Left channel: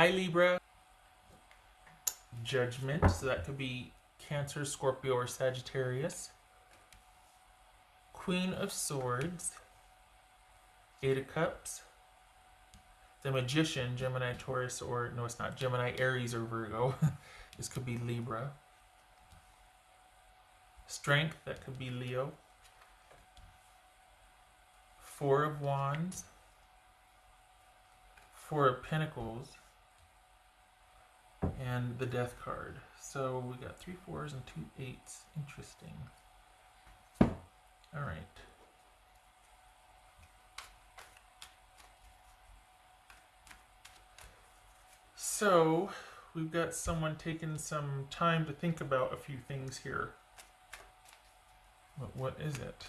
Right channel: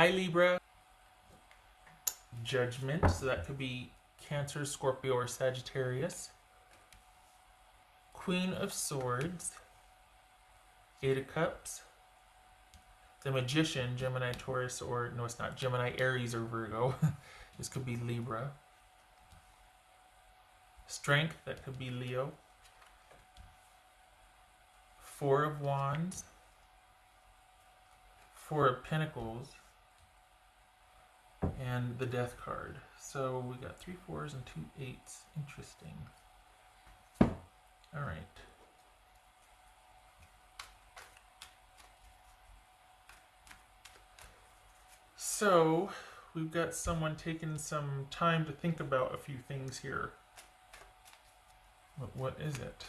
Hi Libra. Judgment, so that could be Cancer, Scorpio, or Sagittarius. Queen of Swords. Eight of Cups. The Magician, Gemini, Taurus, or no, it's not Gemini, Aries, or Virgo. This could be Libra. Strength, that could be Leo. Four of Wands. Four of Pentacles. And the Death card. So we got 3 4s and 2 8s. Interesting. All right. So we've got someone taking some time to think about a few things here. But what is it?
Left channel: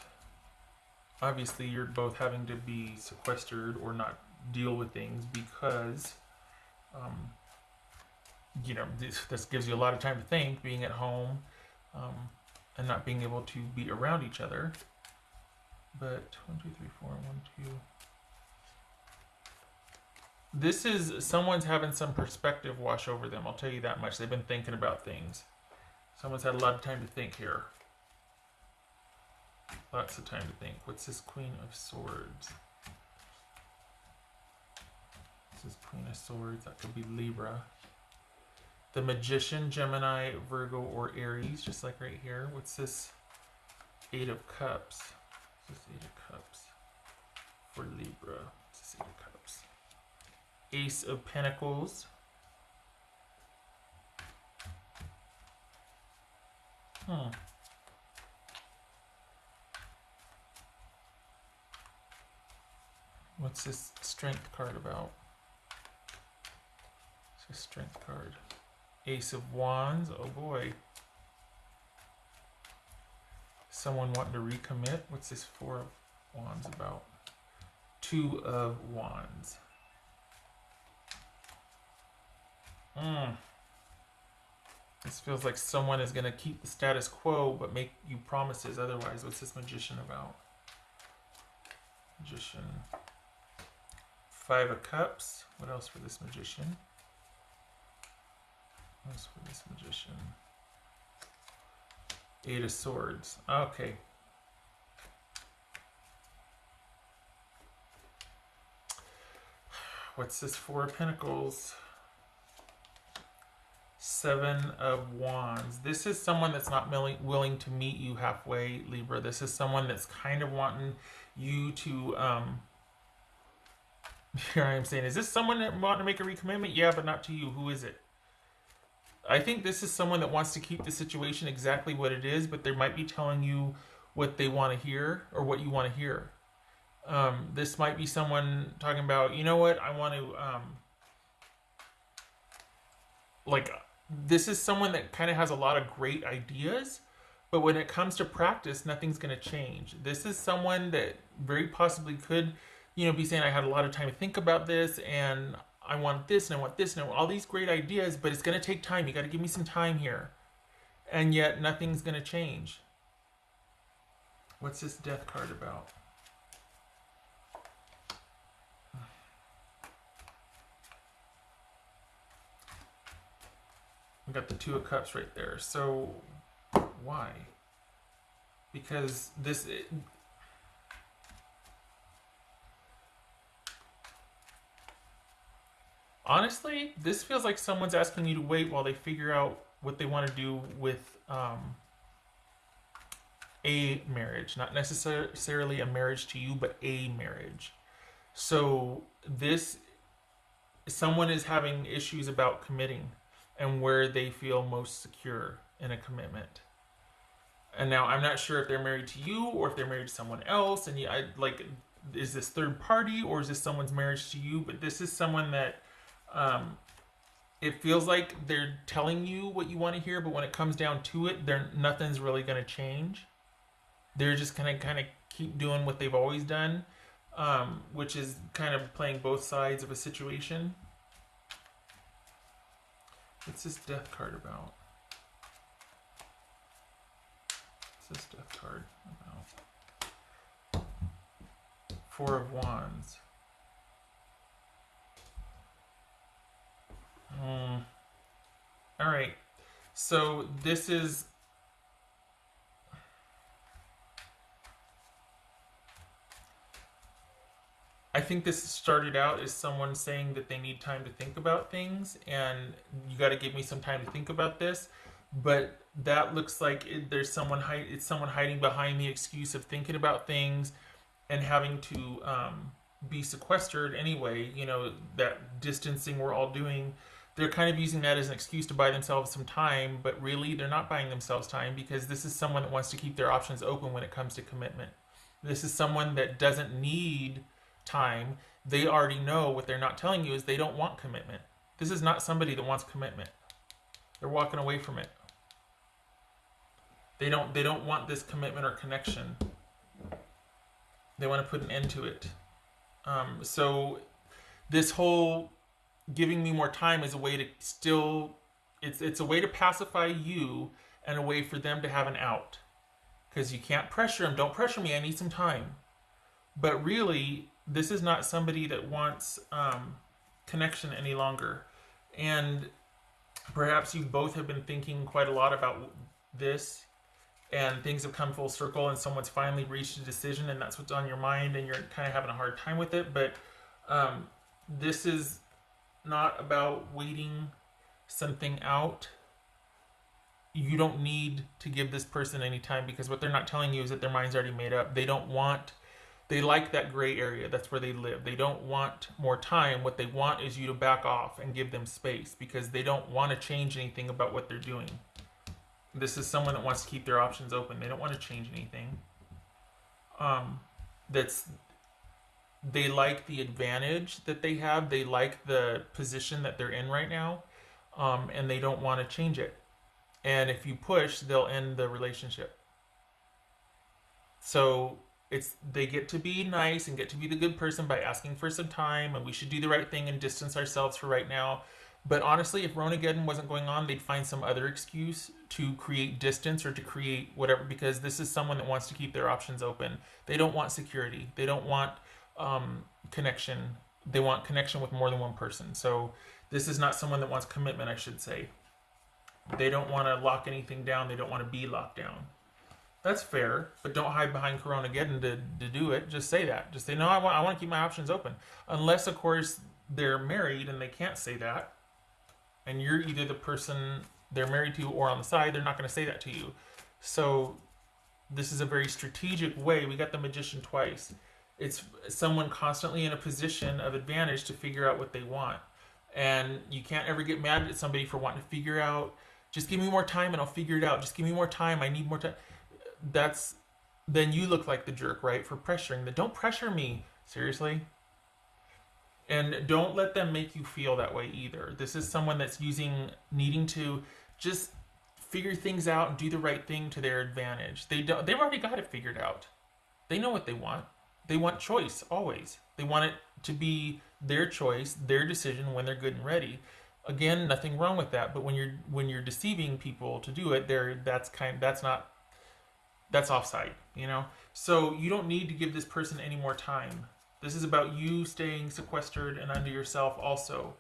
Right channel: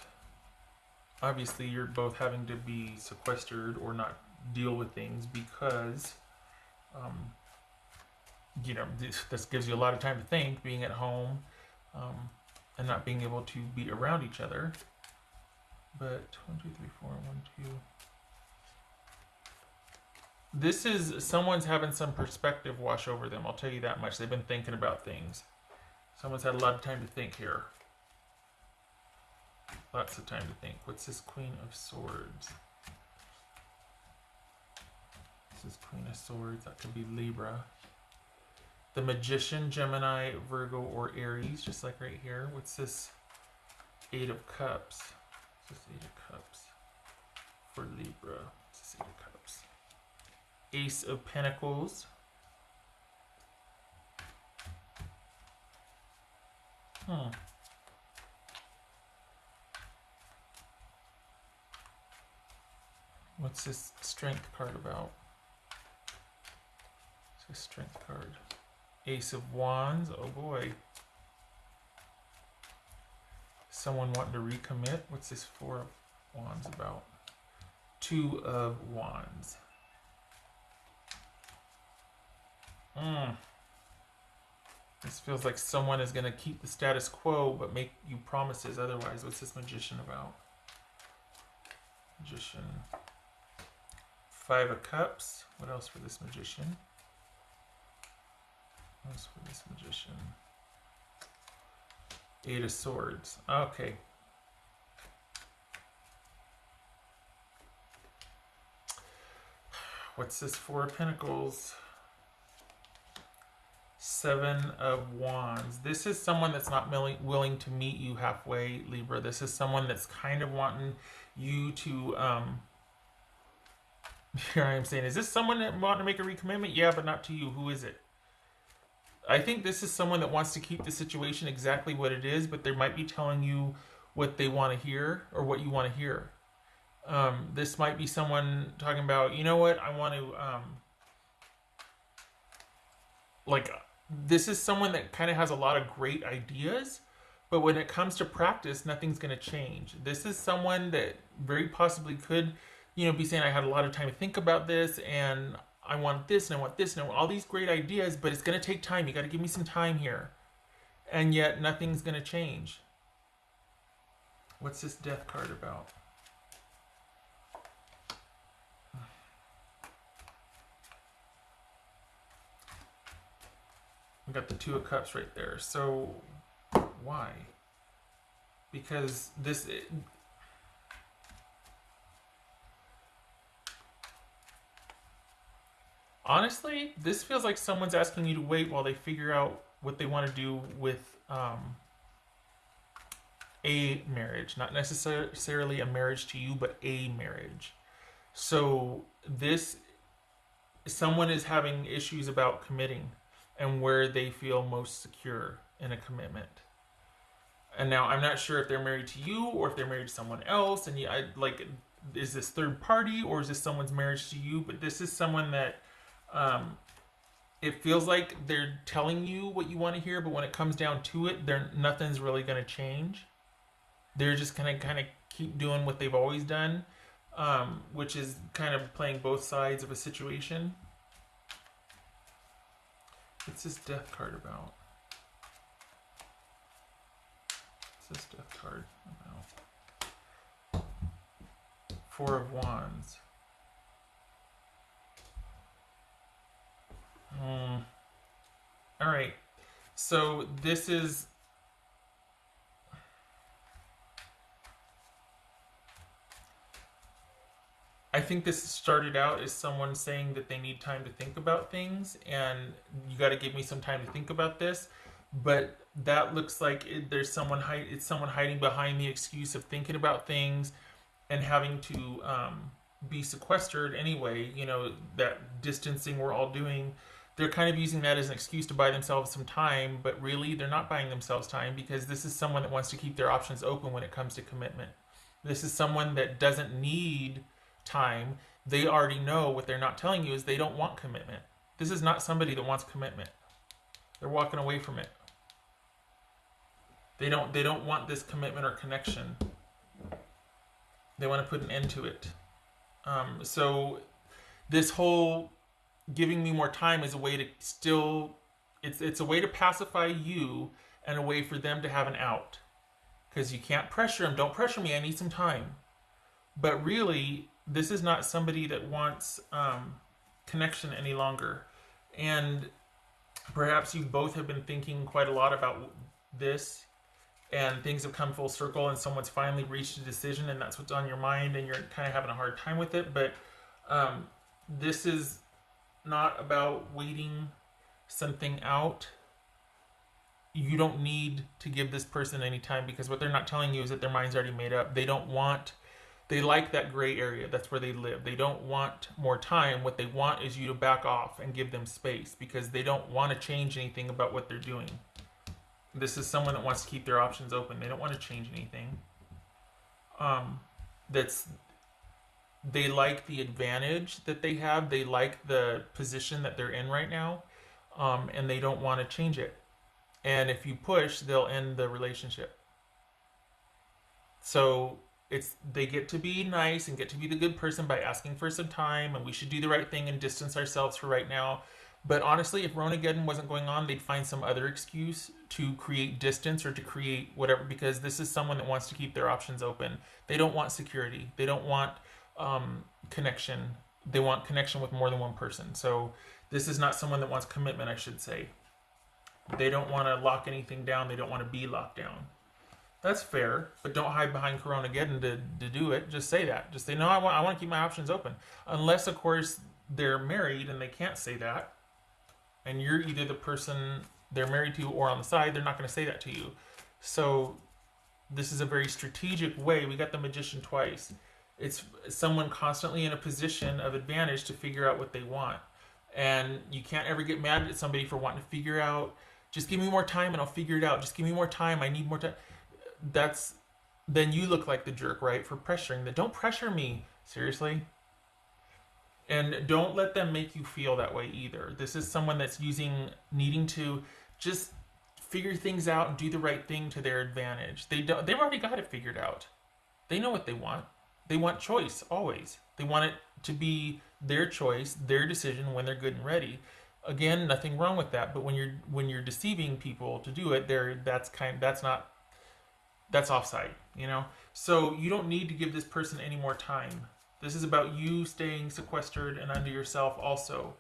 Obviously, you're both having to be sequestered or not deal with things because, you know, this gives you a lot of time to think, being at home and not being able to be around each other. But 1, 2, 3, 4, 1, 2. This is someone's having some perspective wash over them. I'll tell you that much. They've been thinking about things. Someone's had a lot of time to think here. Lots of time to think. What's this Queen of Swords? This is Queen of Swords. That could be Libra. The Magician, Gemini, Virgo, or Aries, just like right here. What's this Eight of Cups? This Eight of Cups for Libra. What's this Eight of Cups? Ace of Pentacles. What's this Strength card about? It's a Strength card. Ace of Wands. Oh boy. Someone wanting to recommit. What's this Four of Wands about? Two of Wands. This feels like someone is going to keep the status quo but make you promises otherwise. What's this Magician about? Magician. Five of Cups. What else for this Magician? What else for this Magician? Eight of Swords. Okay. What's this Four of Pentacles? Seven of Wands. This is someone that's not willing to meet you halfway, Libra. This is someone that's kind of wanting you to, here I am saying, is this someone that wants to make a recommitment? Yeah, but not to you. Who is it? I think this is someone that wants to keep the situation exactly what it is, but they might be telling you what they want to hear or what you want to hear. This might be someone talking about, you know what, I want to, this is someone that kind of has a lot of great ideas, but when it comes to practice, nothing's going to change. This is someone that very possibly could, you know, be saying, I had a lot of time to think about this, and I want this, and I want this, and I want all these great ideas, but it's going to take time. You got to give me some time here. And yet, nothing's going to change. What's this Death card about? We got the Two of Cups right there. So, why? Because this... honestly, this feels like someone's asking you to wait while they figure out what they want to do with a marriage. Not necessarily a marriage to you, but a marriage. So, someone is having issues about committing and where they feel most secure in a commitment. And now I'm not sure if they're married to you or if they're married to someone else. And is this third party or is this someone's marriage to you? But this is someone that it feels like they're telling you what you want to hear, but when it comes down to it, nothing's really going to change. They're just going to kind of keep doing what they've always done, which is kind of playing both sides of a situation. What's this Death card about? What's this Death card? Four of Wands. Mm. All right. So this is, I think this started out as someone saying that they need time to think about things, and you got to give me some time to think about this. But that looks like there's someone it's someone hiding behind the excuse of thinking about things and having to be sequestered anyway. You know, that distancing we're all doing. They're kind of using that as an excuse to buy themselves some time, but really they're not buying themselves time because this is someone that wants to keep their options open when it comes to commitment. This is someone that doesn't need time. They already know what they're not telling you is they don't want commitment. This is not somebody that wants commitment. They're walking away from it. They don't want this commitment or connection. They want to put an end to it. So this whole giving me more time is a way to still it's a way to pacify you and a way for them to have an out. Because you can't pressure them. Don't pressure me. I need some time. But really, this is not somebody that wants connection any longer. And perhaps you both have been thinking quite a lot about this, and things have come full circle, and someone's finally reached a decision, and that's what's on your mind, and you're kind of having a hard time with it. But this is not about waiting something out. You don't need to give this person any time because what they're not telling you is that their mind's already made up. They like that gray area. That's where they live. They don't want more time. What they want is you to back off and give them space because they don't want to change anything about what they're doing. This is someone that wants to keep their options open. They don't want to change anything. That's They like the advantage that they have. They like the position that they're in right now, and they don't want to change it. And if you push, they'll end the relationship. So they get to be nice and get to be the good person by asking for some time, and we should do the right thing and distance ourselves for right now. But honestly, if Ronageddon wasn't going on, they'd find some other excuse to create distance or to create whatever, because this is someone that wants to keep their options open. They don't want security. They don't want connection. They want connection with more than one person. So this is not someone that wants commitment, I should say. They don't want to lock anything down. They don't want to be locked down. That's fair, but don't hide behind Coronageddon to do it. Just say that. Just say, no, I want to keep my options open. Unless, of course, they're married and they can't say that. And you're either the person they're married to or on the side, they're not going to say that to you. So this is a very strategic way. We got the magician twice. It's someone constantly in a position of advantage to figure out what they want. And you can't ever get mad at somebody for wanting to figure out, just give me more time and I'll figure it out. Just give me more time. I need more time. Then you look like the jerk, right? For pressuring that. Don't pressure me. Seriously. And don't let them make you feel that way either. This is someone that's needing to just figure things out and do the right thing to their advantage. They've already got it figured out. They know what they want. They want choice always. They want it to be their choice, their decision when they're good and ready. Again, nothing wrong with that. But when you're deceiving people to do it, that's offside, you know? So you don't need to give this person any more time. This is about you staying sequestered and under yourself also.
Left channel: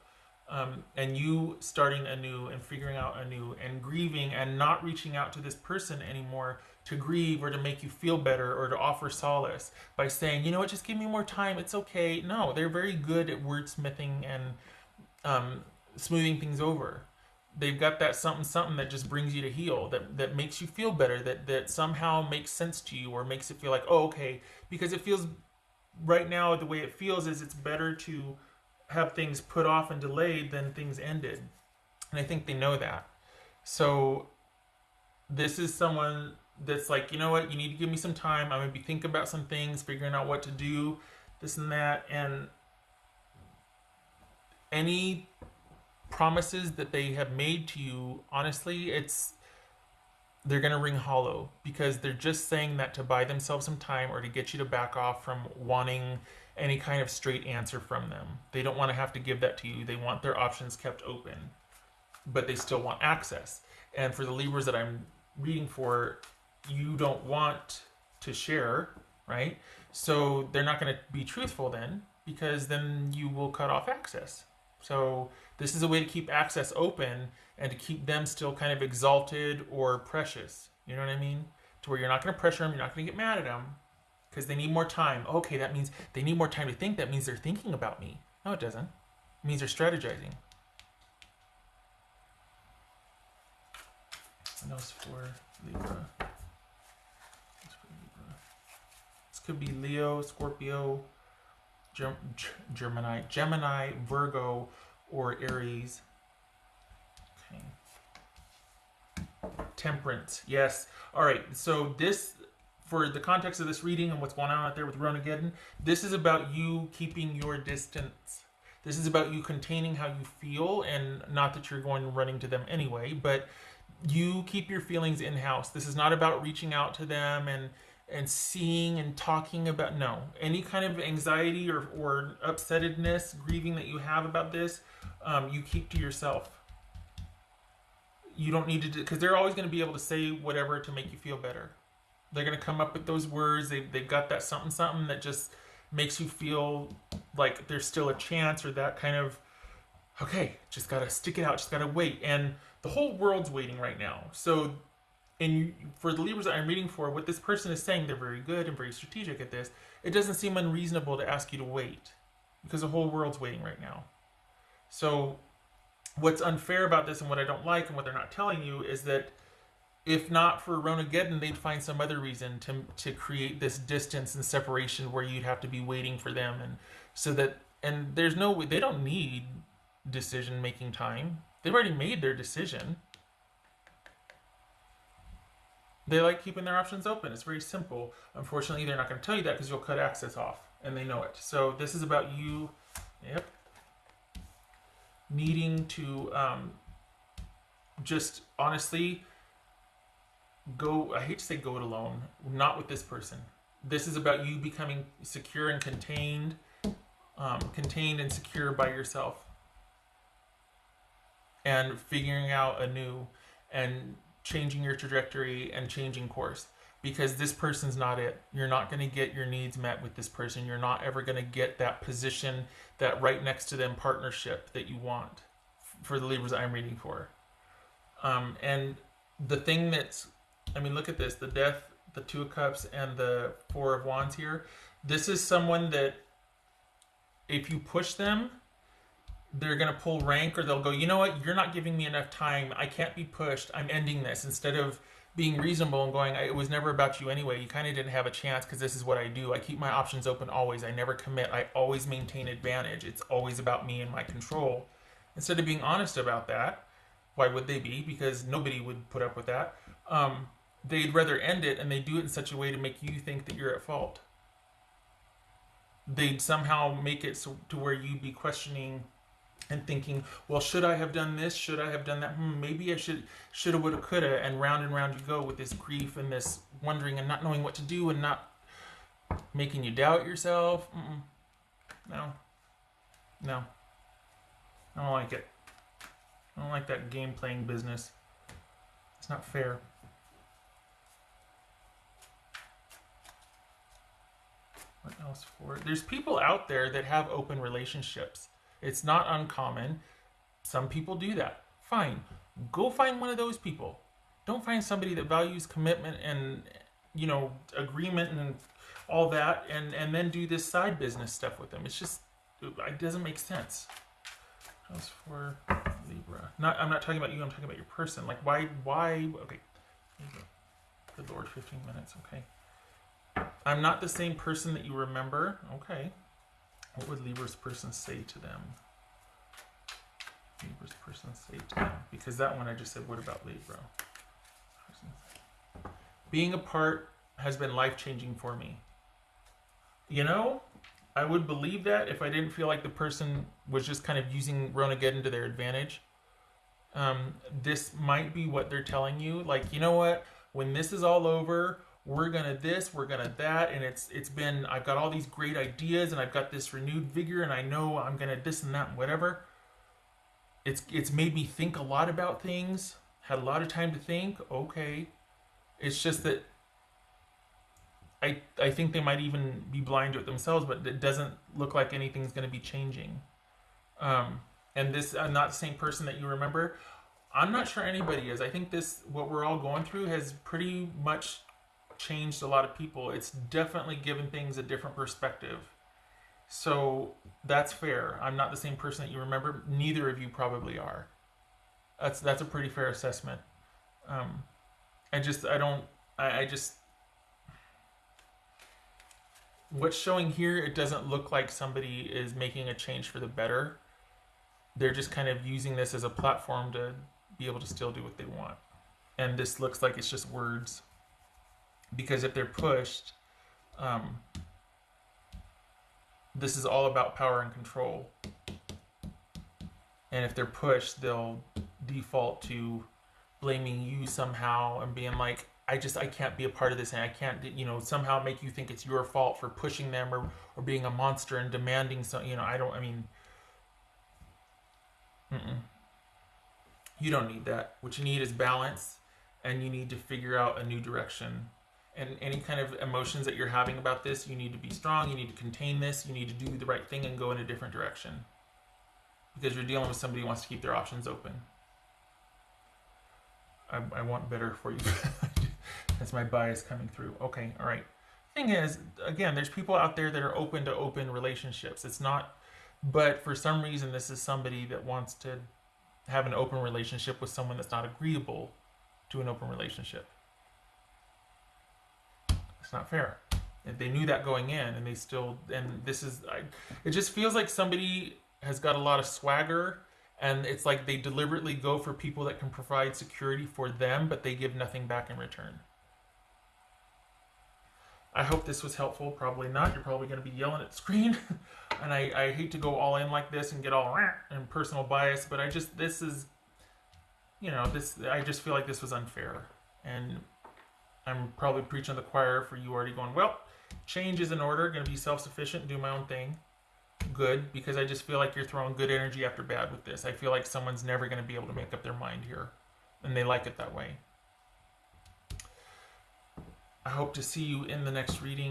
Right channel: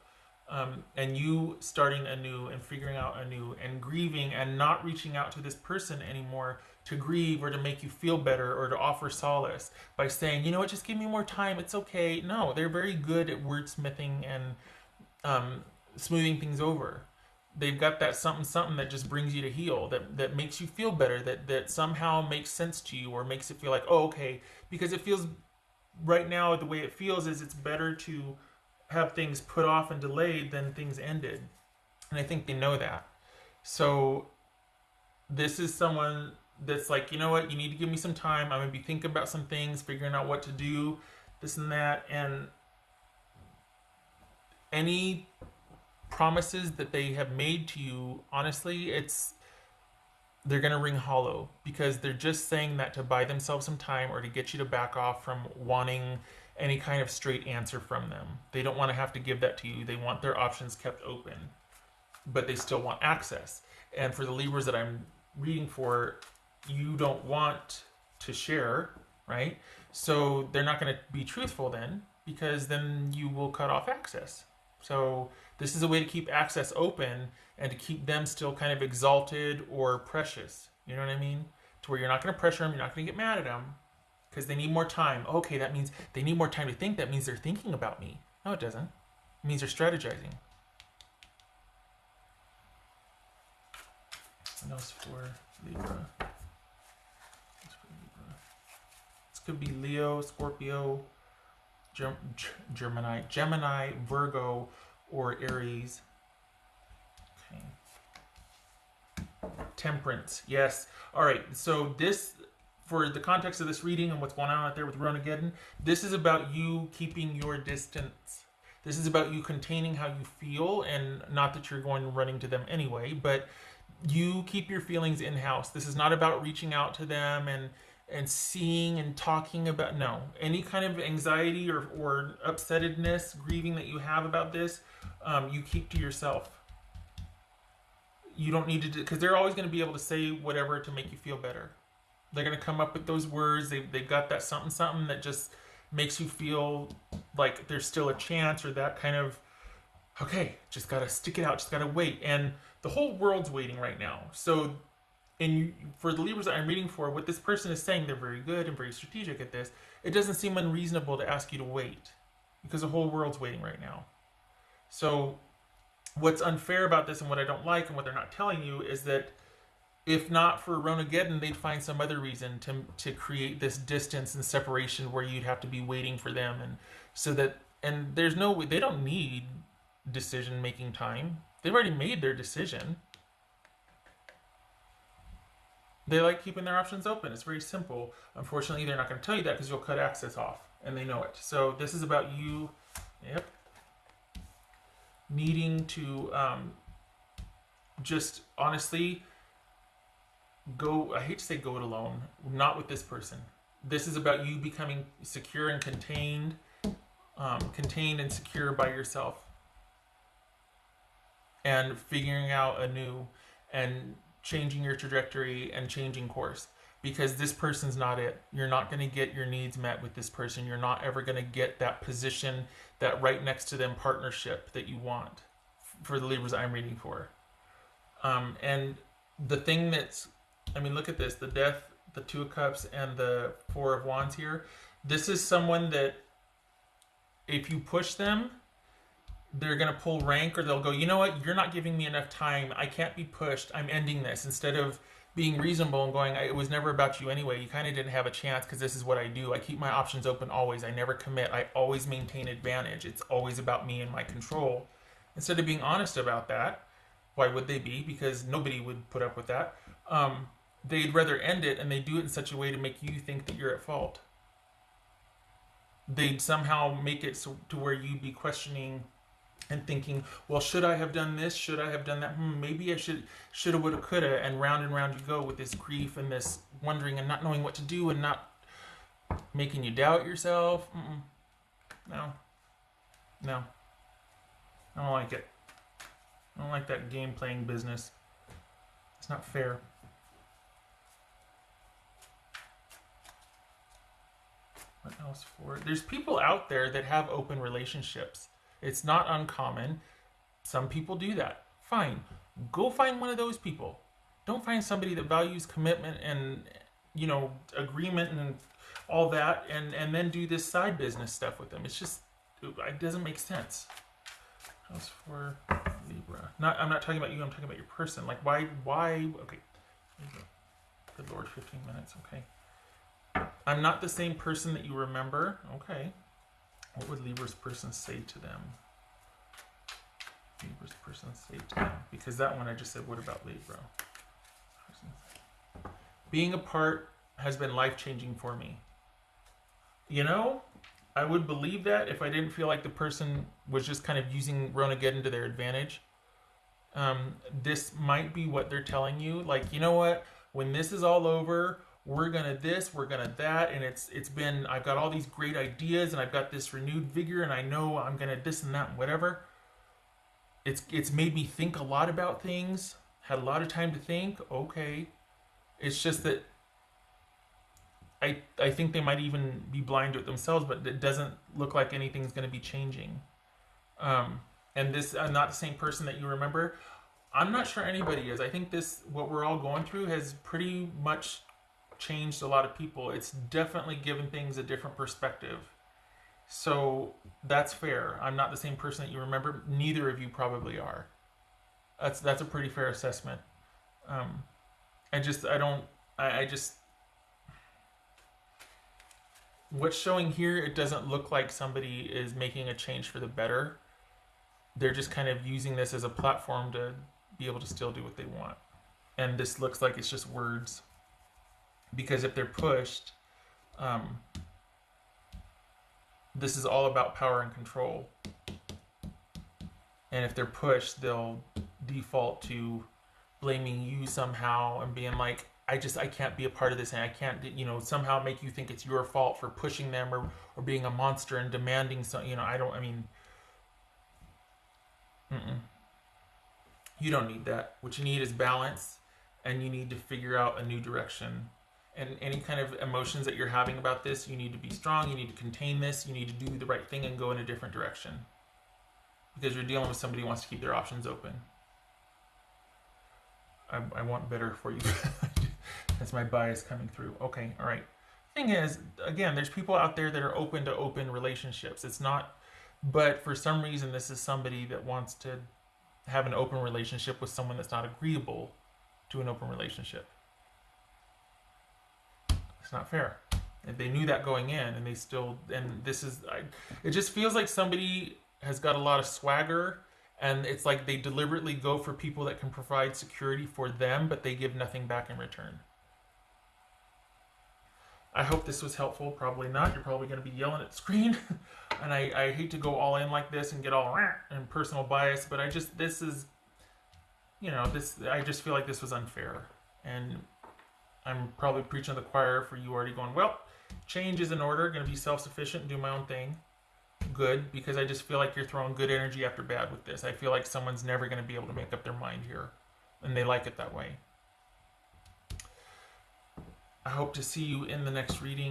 And you starting anew and figuring out anew and grieving and not reaching out to this person anymore to grieve or to make you feel better or to offer solace by saying, you know what, just give me more time. It's okay. No, they're very good at wordsmithing and smoothing things over. They've got that something that just brings you to heal, that makes you feel better, that somehow makes sense to you or makes it feel like, oh, okay, because it feels right now the way it feels is it's better to have things put off and delayed than things ended. And I think they know that. So this is someone that's like, you know what, you need to give me some time. I'm going to be thinking about some things, figuring out what to do, this and that. And any promises that they have made to you, honestly, they're going to ring hollow because they're just saying that to buy themselves some time or to get you to back off from wanting any kind of straight answer from them. They don't want to have to give that to you. They want their options kept open, but they still want access. And for the Libras that I'm reading for, you don't want to share, right? So they're not going to be truthful then, because then you will cut off access. So this is a way to keep access open and to keep them still kind of exalted or precious. You know what I mean? To where you're not going to pressure them, you're not going to get mad at them because they need more time. Okay, that means they need more time to think. That means they're thinking about me. No, it doesn't. It means they're strategizing. What else for Libra? This could be Leo, Scorpio, Gemini, Virgo, or Aries. Okay. Temperance. Yes. All right. So this, for the context of this reading and what's going on out there with Ronageddon, this is about you keeping your distance. This is about you containing how you feel, and not that you're going running to them anyway, but you keep your feelings in-house. This is not about reaching out to them and seeing and talking about, no. Any kind of anxiety or upsettedness, grieving that you have about this, you keep to yourself. You don't need to do, because they're always going to be able to say whatever to make you feel better. They're going to come up with those words. They've got that something that just makes you feel like there's still a chance, or that kind of, okay, just got to stick it out, just got to wait. And the whole world's waiting right now. So, and for the Libras that I'm reading for, what this person is saying, they're very good and very strategic at this. It doesn't seem unreasonable to ask you to wait, because the whole world's waiting right now. So what's unfair about this, and what I don't like, and what they're not telling you, is that if not for Ronageddon, they'd find some other reason to create this distance and separation where you'd have to be waiting for them, and so that, and there's no, they don't need decision-making time. They've already made their decision. They like keeping their options open. It's very simple. Unfortunately, they're not going to tell you that because you'll cut access off, and they know it. So this is about you, needing to just honestly go, I hate to say go it alone, not with this person. This is about you becoming secure and contained and secure by yourself, and figuring out anew and changing your trajectory and changing course, because this person's not it. You're not going to get your needs met with this person. You're not ever going to get that position, that right next to them partnership that you want for the Libras I'm reading for. And the thing that's, I mean, look at this, the Death, the Two of Cups, and the Four of Wands here. This is someone that if you push them, they're going to pull rank, or they'll go, you know what, you're not giving me enough time. I can't be pushed. I'm ending this. Instead of being reasonable and going, it was never about you anyway. You kind of didn't have a chance because this is what I do. I keep my options open always. I never commit. I always maintain advantage. It's always about me and my control. Instead of being honest about that, why would they be? Because nobody would put up with that. They'd rather end it, and they do it in such a way to make you think that you're at fault. They'd somehow make it so to where you'd be questioning and thinking, well, should I have done this? Should I have done that? Maybe I shoulda, woulda, coulda, and round you go with this grief and this wondering and not knowing what to do, and not making you doubt yourself. No. I don't like it. I don't like that game-playing business. It's not fair. What else for it? There's people out there that have open relationships. It's not uncommon. Some people do that. Fine. Go find one of those people. Don't find somebody that values commitment and, agreement and all that, and then do this side business stuff with them. It's just, it doesn't make sense. As for Libra. I'm not talking about you, I'm talking about your person. Like, why, okay. Good Lord, 15 minutes, okay. I'm not the same person that you remember. Okay. What would Libra's person say to them? Libra's person say to them? Because that one I just said, what about Libra? Being apart has been life-changing for me. I would believe that if I didn't feel like the person was just kind of using Ronageddon to their advantage. This might be what they're telling you. Like, you know what? When this is all over, we're gonna this, we're gonna that, and it's been, I've got all these great ideas, and I've got this renewed vigor, and I know I'm gonna this and that, whatever. It's made me think a lot about things, had a lot of time to think. Okay. It's just that I think they might even be blind to it themselves, but it doesn't look like anything's gonna be changing. And this, I'm not the same person that you remember. I'm not sure anybody is. I think this, what we're all going through, has pretty much changed a lot of people. It's definitely given things a different perspective. So that's fair. I'm not the same person that you remember. Neither of you probably are. That's a pretty fair assessment. Um, I don't, I just, what's showing here, it doesn't look like somebody is making a change for the better. They're just kind of using this as a platform to be able to still do what they want. And this looks like it's just words. Because if they're pushed, um, this is all about power and control. And if they're pushed, they'll default to blaming you somehow and being like, I can't be a part of this, and I can't, somehow make you think it's your fault for pushing them, or being a monster and demanding mm-mm. You don't need that. What you need is balance, and you need to figure out a new direction. And any kind of emotions that you're having about this, you need to be strong, you need to contain this, you need to do the right thing and go in a different direction. Because you're dealing with somebody who wants to keep their options open. I want better for you. That's my bias coming through. Okay, all right. Thing is, again, there's people out there that are open to open relationships. It's not, but for some reason, this is somebody that wants to have an open relationship with someone that's not agreeable to an open relationship. It's not fair. If they knew that going in, and they still, and this is, it just feels like somebody has got a lot of swagger, and it's like they deliberately go for people that can provide security for them, but they give nothing back in return. I hope this was helpful. Probably not. You're probably going to be yelling at the screen. And I hate to go all in like this and get all and personal bias, but this is, I just feel like this was unfair. And I'm probably preaching to the choir for you already going, well, change is in order, going to be self-sufficient, do my own thing. Good, because I just feel like you're throwing good energy after bad with this. I feel like someone's never going to be able to make up their mind here, and they like it that way. I hope to see you in the next reading.